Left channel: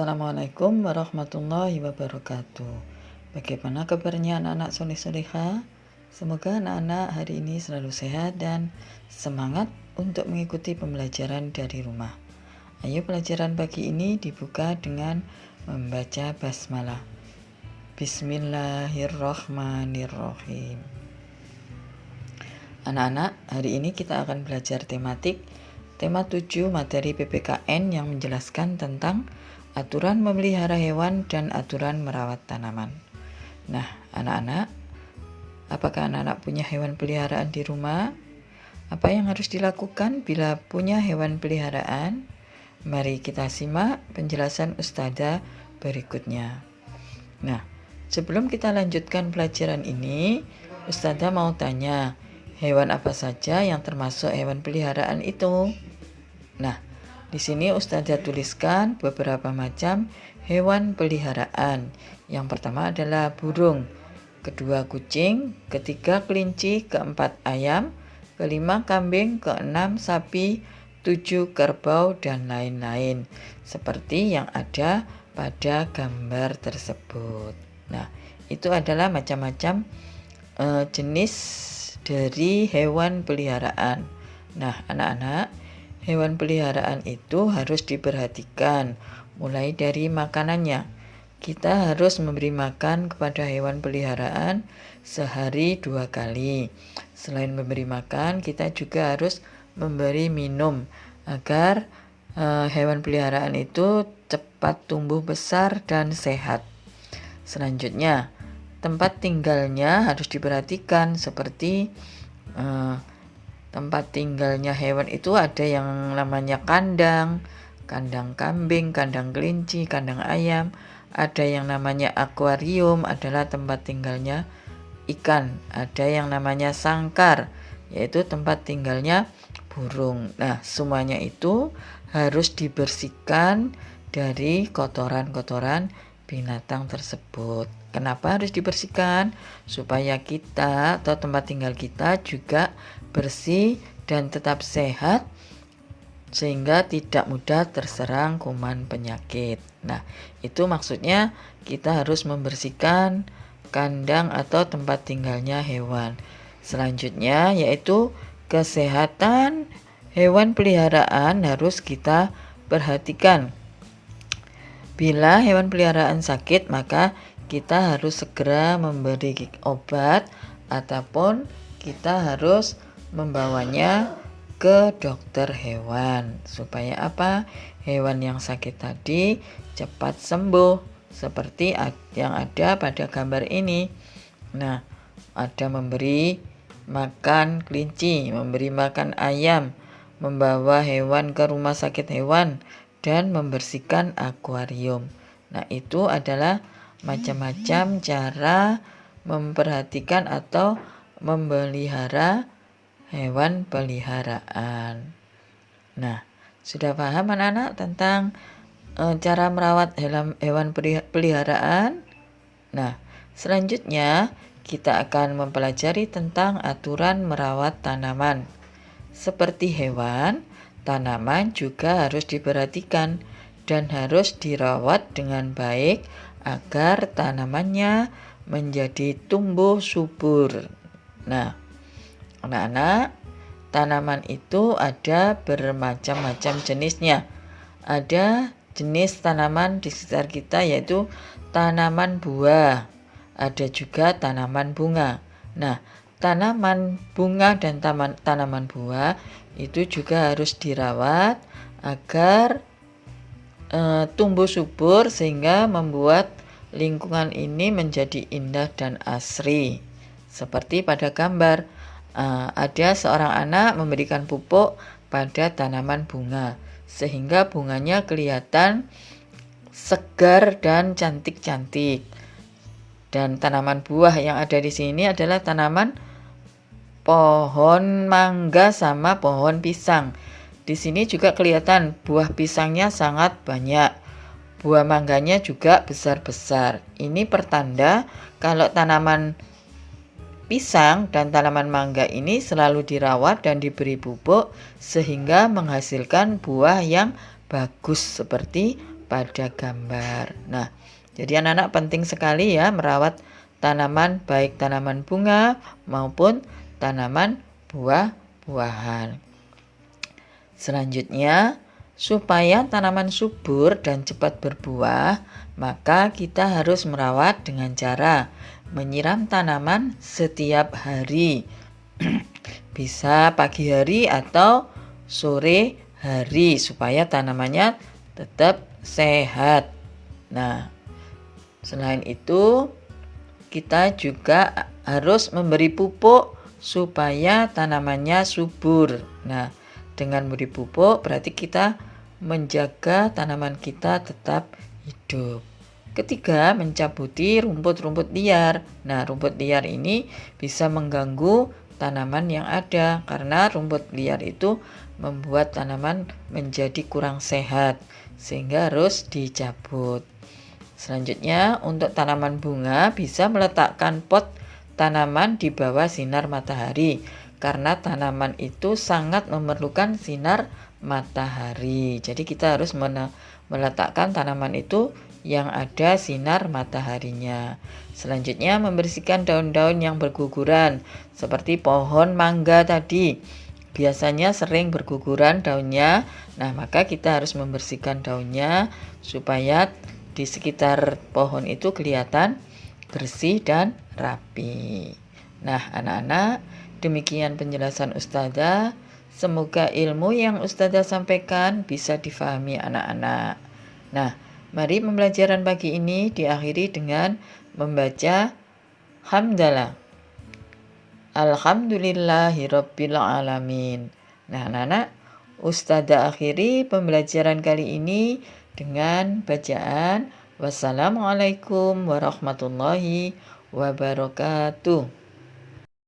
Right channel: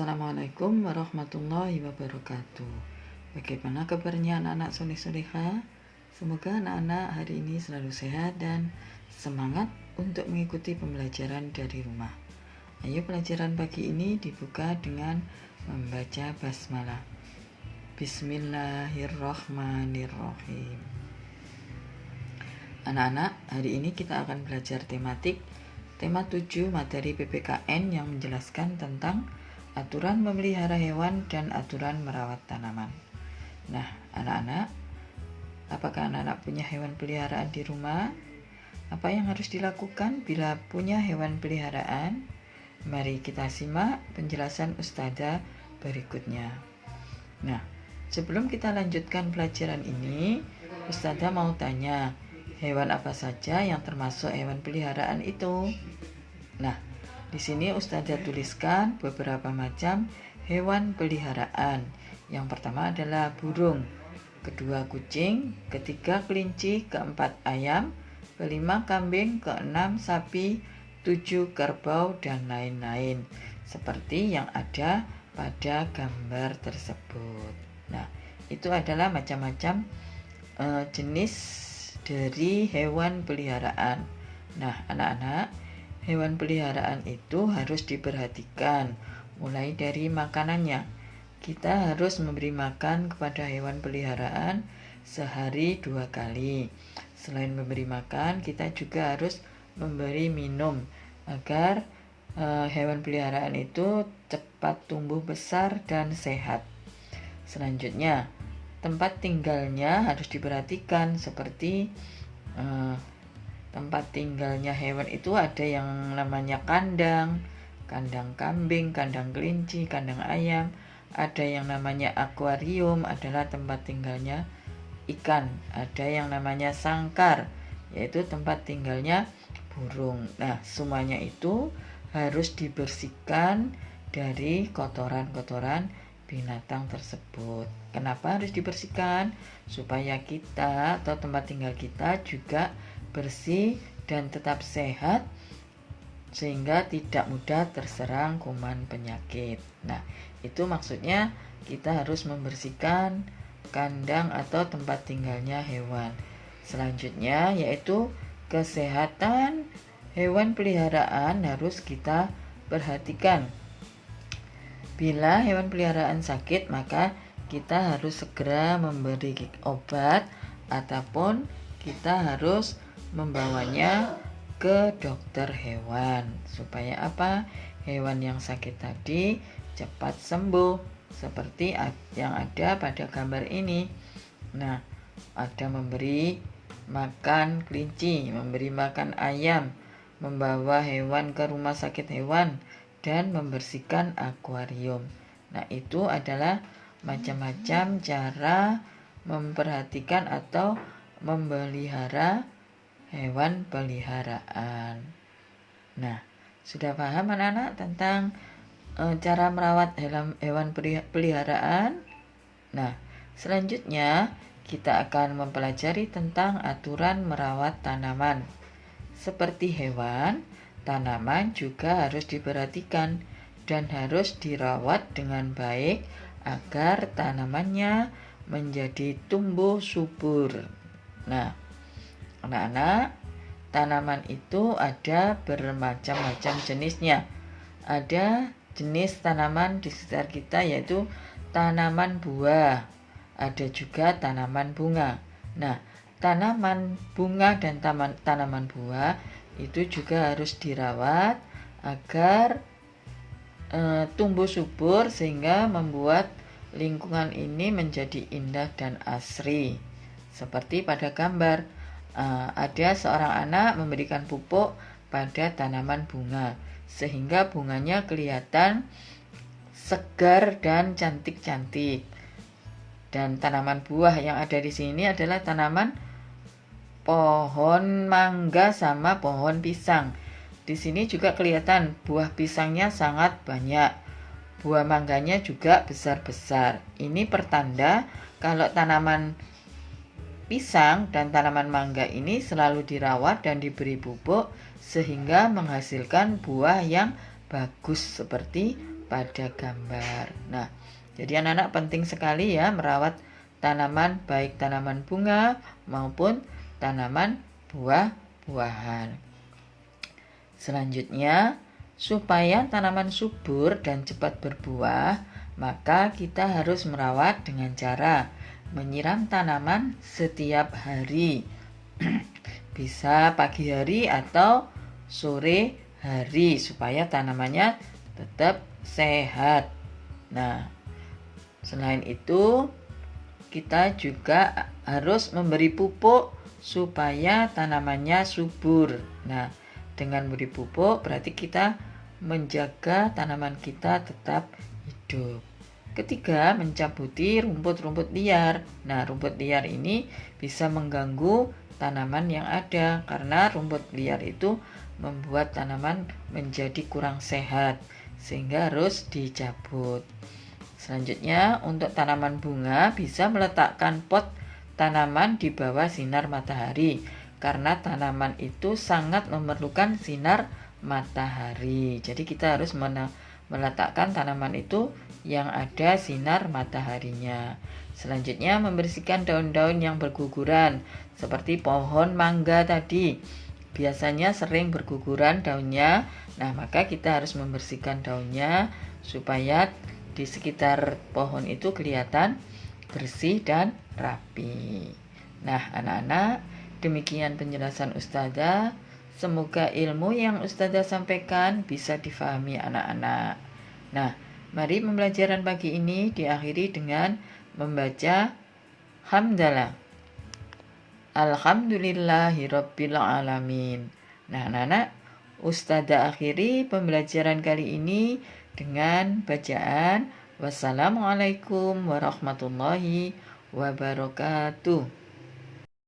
Assalamualaikum warahmatullahi wabarakatuh. Bagaimana kabarnya anak-anak soleh-soleha? Semoga anak-anak hari ini selalu sehat dan semangat untuk mengikuti pembelajaran dari rumah. Ayo pelajaran pagi ini dibuka dengan membaca basmalah. Bismillahirrahmanirrahim. Anak-anak, hari ini kita akan belajar tematik tema 7 materi PPKN yang menjelaskan tentang aturan memelihara hewan dan aturan merawat tanaman. Nah, anak-anak, apakah anak-anak punya hewan peliharaan di rumah? Apa yang harus dilakukan bila punya hewan peliharaan? Mari kita simak penjelasan Ustazah berikutnya. Nah, sebelum kita lanjutkan pelajaran ini, Ustazah mau tanya, hewan apa saja yang termasuk hewan peliharaan itu? Nah, di sini Ustazah tuliskan beberapa macam hewan peliharaan. Yang pertama adalah burung, kedua kucing, ketiga kelinci, keempat ayam, kelima kambing, keenam sapi, 7 kerbau, dan lain-lain. Seperti yang ada pada gambar tersebut. Nah, itu adalah macam-macam jenis dari hewan peliharaan. Nah, anak-anak, hewan peliharaan itu harus diperhatikan mulai dari makanannya. Kita harus memberi makan kepada hewan peliharaan sehari 2 kali. Selain memberi makan, kita juga harus memberi minum agar hewan peliharaan itu cepat tumbuh besar dan sehat. Selanjutnya, tempat tinggalnya harus diperhatikan seperti tempat tinggalnya hewan itu ada yang namanya kandang kambing, kandang kelinci, kandang ayam. Ada yang namanya akuarium, adalah tempat tinggalnya ikan. Ada yang namanya sangkar, yaitu tempat tinggalnya burung. Nah, semuanya itu harus dibersihkan dari kotoran-kotoran binatang tersebut. Kenapa harus dibersihkan? Supaya kita atau tempat tinggal kita juga bersih dan tetap sehat sehingga tidak mudah terserang kuman penyakit. Nah, itu maksudnya kita harus membersihkan kandang atau tempat tinggalnya hewan. Selanjutnya yaitu kesehatan hewan peliharaan harus kita perhatikan. Bila hewan peliharaan sakit, maka kita harus segera memberi obat ataupun kita harus membawanya ke dokter hewan. Supaya apa? Hewan yang sakit tadi cepat sembuh seperti yang ada pada gambar ini. Nah, ada memberi makan kelinci, memberi makan ayam, membawa hewan ke rumah sakit hewan, dan membersihkan akuarium. Nah, itu adalah macam-macam cara memperhatikan atau memelihara hewan peliharaan. Nah, sudah paham anak-anak tentang cara merawat hewan peliharaan? Nah, selanjutnya kita akan mempelajari tentang aturan merawat tanaman. Seperti hewan, tanaman juga harus diperhatikan dan harus dirawat dengan baik agar tanamannya menjadi tumbuh subur. Nah, anak-anak, tanaman itu ada bermacam-macam jenisnya. Ada jenis tanaman di sekitar kita yaitu tanaman buah. Ada juga tanaman bunga. Nah, tanaman bunga dan tanaman buah itu juga harus dirawat agar tumbuh subur sehingga membuat lingkungan ini menjadi indah dan asri. Seperti pada gambar, ada seorang anak memberikan pupuk pada tanaman bunga sehingga bunganya kelihatan segar dan cantik-cantik. Dan tanaman buah yang ada di sini adalah tanaman pohon mangga sama pohon pisang. Di sini juga kelihatan buah pisangnya sangat banyak. Buah mangganya juga besar-besar. Ini pertanda kalau tanaman pisang dan tanaman mangga ini selalu dirawat dan diberi pupuk sehingga menghasilkan buah yang bagus seperti pada gambar. Nah, jadi anak-anak penting sekali ya merawat tanaman, baik tanaman bunga maupun tanaman buah-buahan. Selanjutnya, supaya tanaman subur dan cepat berbuah, maka kita harus merawat dengan cara menyiram tanaman setiap hari. Bisa pagi hari atau sore hari supaya tanamannya tetap sehat. Nah, selain itu kita juga harus memberi pupuk supaya tanamannya subur. Nah, dengan memberi pupuk berarti kita menjaga tanaman kita tetap hidup. Ketiga, mencabuti rumput-rumput liar. Nah, rumput liar ini bisa mengganggu tanaman yang ada karena rumput liar itu membuat tanaman menjadi kurang sehat sehingga harus dicabut. Selanjutnya, untuk tanaman bunga bisa meletakkan pot tanaman di bawah sinar matahari karena tanaman itu sangat memerlukan sinar matahari. Jadi kita harus meletakkan tanaman itu yang ada sinar mataharinya. Selanjutnya, membersihkan daun-daun yang berguguran seperti pohon mangga tadi. Biasanya sering berguguran daunnya. Nah, maka kita harus membersihkan daunnya supaya di sekitar pohon itu kelihatan bersih dan rapi. Nah, anak-anak, demikian penjelasan Ustazah. Semoga ilmu yang Ustazah sampaikan bisa difahami anak-anak. Nah, mari pembelajaran pagi ini diakhiri dengan membaca hamdalah. Alhamdulillahirabbil alamin. Nah, anak-anak, Ustazah akhiri pembelajaran kali ini dengan bacaan wassalamualaikum warahmatullahi wabarakatuh.